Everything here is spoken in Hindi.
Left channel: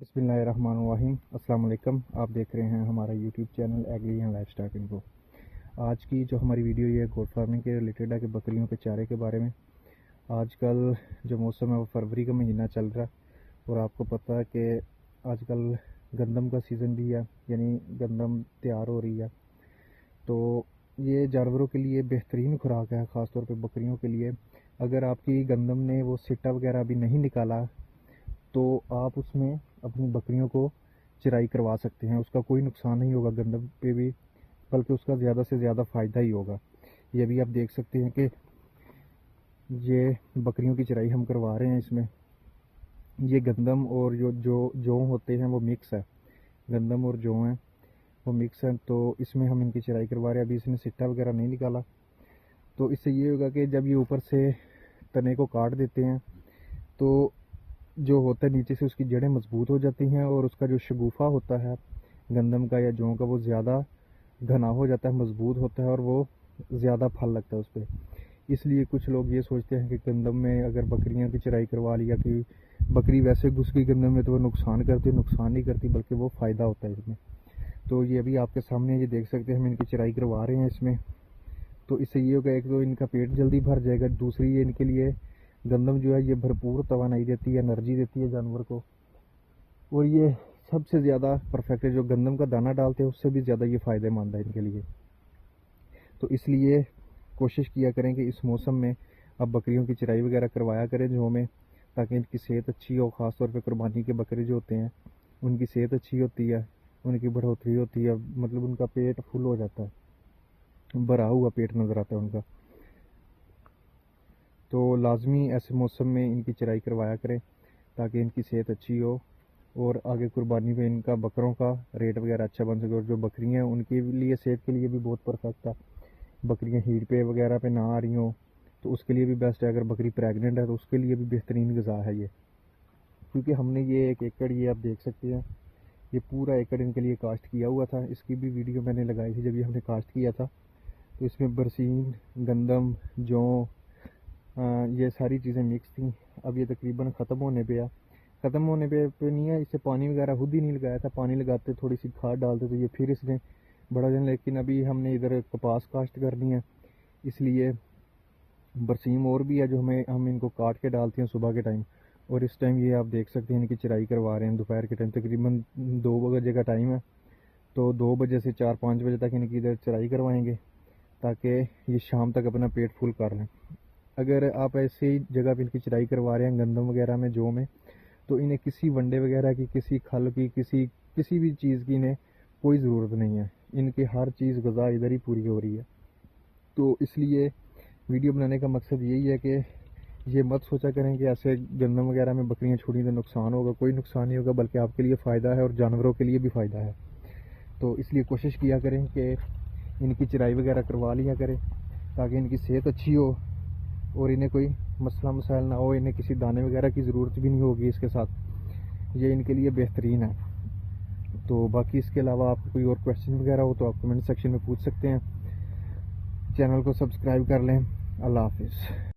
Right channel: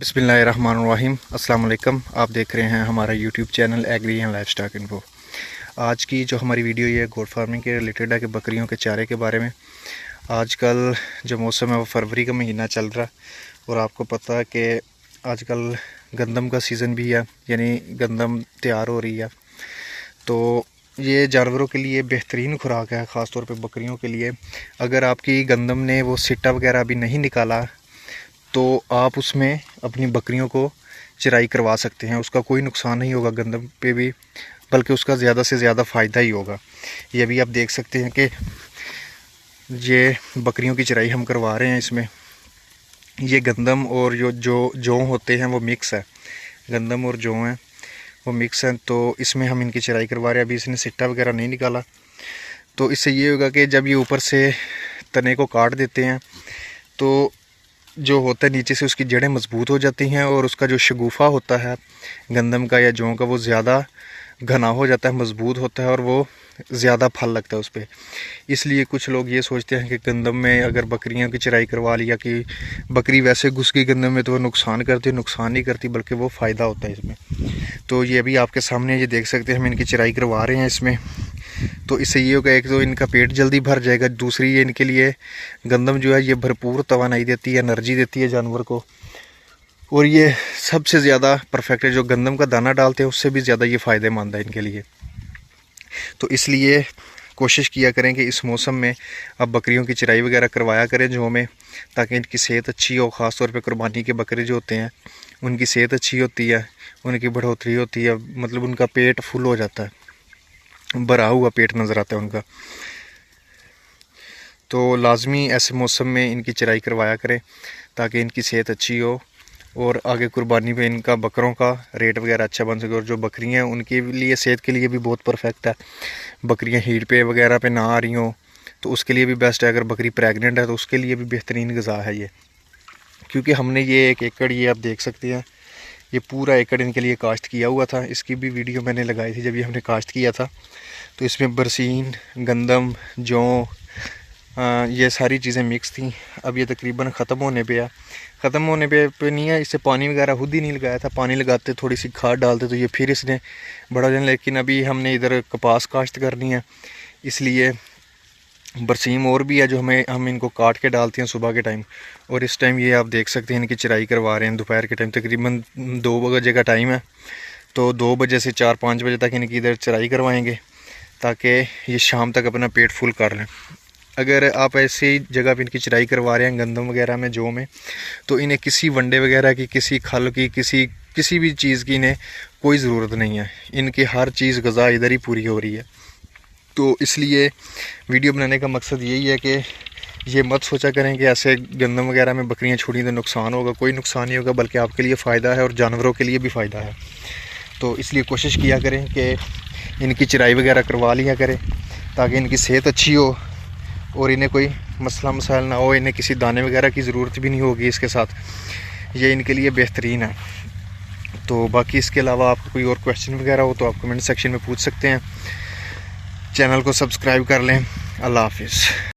बिस्मिल्लाहिर्रहमानिर्रहीम। अस्सलाम वालेकुम। आप देख रहे हैं हमारा YouTube channel agri and livestock info. आज की जो हमारी वीडियो ये गोट फार्मिंग के रिलेटेड है कि बकरियों के चारे के बारे में। आजकल जो मौसम है वो फरवरी का महीना चल रहा और आपको पता है कि आजकल गंदम का सीज़न भी है, यानी गंदम तैयार हो रही है। तो ये जानवरों के लिए बेहतरीन खुराक है, ख़ास तौर पे बकरियों के लिए। अगर आपकी गंदम ने वो सिट्टा वगैरह अभी नहीं निकाला तो आप उसमें अपनी बकरियों को चराई करवा सकते हैं। उसका कोई नुकसान नहीं होगा गंदम पे भी, बल्कि उसका ज़्यादा से ज़्यादा फ़ायदा ही होगा। ये भी आप देख सकते हैं कि ये बकरियों की चराई हम करवा रहे हैं। इसमें ये गंदम और जो जौ होते हैं वो मिक्स है, गंदम और जौ हैं वो मिक्स हैं। तो इसमें हम इनकी चराई करवा रहे हैं। अभी इसने सिट्टा वगैरह नहीं निकाला, तो इससे ये होगा कि जब ये ऊपर से तने को काट देते हैं तो जो होता है नीचे से उसकी जड़ें मजबूत हो जाती हैं और उसका जो शगुफ़ा होता है गंदम का या जौ का वो ज़्यादा घना हो जाता है, मजबूत होता है और वो ज़्यादा फल लगता है उस पर। इसलिए कुछ लोग ये सोचते हैं कि गंदम में अगर बकरियों की चराई करवा लिया कि बकरी वैसे घुस गई गंदम में तो वो नुकसान करती है। नुकसान नहीं करती, बल्कि वो फ़ायदा होता है इसमें। तो ये भी आपके सामने ये देख सकते हैं, हम इनकी चराई करवा रहे हैं इसमें। तो इससे ये होगा, एक तो इनका पेट जल्दी भर जाएगा, दूसरी ये इनके लिए गंदम जो है ये भरपूर तवानाई देती है, एनर्जी देती है जानवर को। और ये सबसे ज़्यादा परफेक्ट है, जो गंदम का दाना डालते हैं उससे भी ज़्यादा ये फ़ायदेमंद है इनके लिए। तो इसलिए कोशिश किया करें कि इस मौसम में अब बकरियों की चराई वगैरह करवाया करें जौ में, ताकि इनकी सेहत अच्छी हो। ख़ास तौर पे कुर्बानी के बकरे जो होते हैं उनकी सेहत अच्छी होती है, उनकी बढ़ोतरी होती है, मतलब उनका पेट फुल हो जाता है, भरा हुआ पेट नज़र आता है उनका। तो लाजमी ऐसे मौसम में इनकी चराई करवाया करें ताकि इनकी सेहत अच्छी हो और आगे कुर्बानी पे इनका बकरों का रेट वगैरह अच्छा बन सके। और जो बकरियां हैं उनके लिए सेहत के लिए भी बहुत परफेक्ट है। बकरियां हीट पे वगैरह पे ना आ रही हों तो उसके लिए भी बेस्ट है। अगर बकरी प्रेग्नेंट है तो उसके लिए भी बेहतरीन ग़िज़ा है ये। क्योंकि हमने ये 1 एकड़, ये आप देख सकते हैं, ये पूरा एकड़ इनके लिए काश्त किया हुआ था। इसकी भी वीडियो मैंने लगाई थी जब ये हमने काश्त किया था। तो इसमें बरसीन, गंदम, जौ, ये सारी चीज़ें मिक्स थी। अब ये तकरीबन ख़त्म होने पे है, ख़त्म होने पे नहीं है। इससे पानी वगैरह खुद ही नहीं लगाया था, पानी लगाते थोड़ी सी खाद डालते तो ये फिर इसने बड़ा जाने। लेकिन अभी हमने इधर कपास काश्त करनी है, इसलिए बरसीम और भी है जो हम इनको काट के डालते हैं सुबह के टाइम। और इस टाइम ये आप देख सकते हैं इनकी चराई करवा रहे हैं दोपहर के टाइम। तकरीबन 2 बजे का टाइम है, तो 2 बजे से 4-5 बजे तक इनकी इधर चराई करवाएंगे ताकि ये शाम तक अपना पेट फुल कर लें। अगर आप ऐसी जगह पर इनकी चराई करवा रहे हैं गंदम वगैरह में, जौ में, तो इन्हें किसी वंडे वगैरह की, किसी खल की, किसी भी चीज़ की इन्हें कोई ज़रूरत नहीं है। इनकी हर चीज़ ग़िज़ा इधर ही पूरी हो रही है। तो इसलिए वीडियो बनाने का मकसद यही है कि ये मत सोचा करें कि ऐसे गंदम वगैरह में बकरियां छोड़ी तो नुकसान होगा। कोई नुकसान नहीं होगा, बल्कि आपके लिए फ़ायदा है और जानवरों के लिए भी फ़ायदा है। तो इसलिए कोशिश किया करें कि इनकी चराई वगैरह करवा लिया करें ताकि इनकी सेहत अच्छी हो और इन्हें कोई मसला मसाइल ना हो। इन्हें किसी दाने वगैरह की ज़रूरत भी नहीं होगी इसके साथ। ये इनके लिए बेहतरीन है। तो बाकी इसके अलावा आपको कोई और क्वेश्चन वगैरह हो तो आप कमेंट सेक्शन में पूछ सकते हैं। चैनल को सब्सक्राइब कर लें। अल्लाह हाफिज़।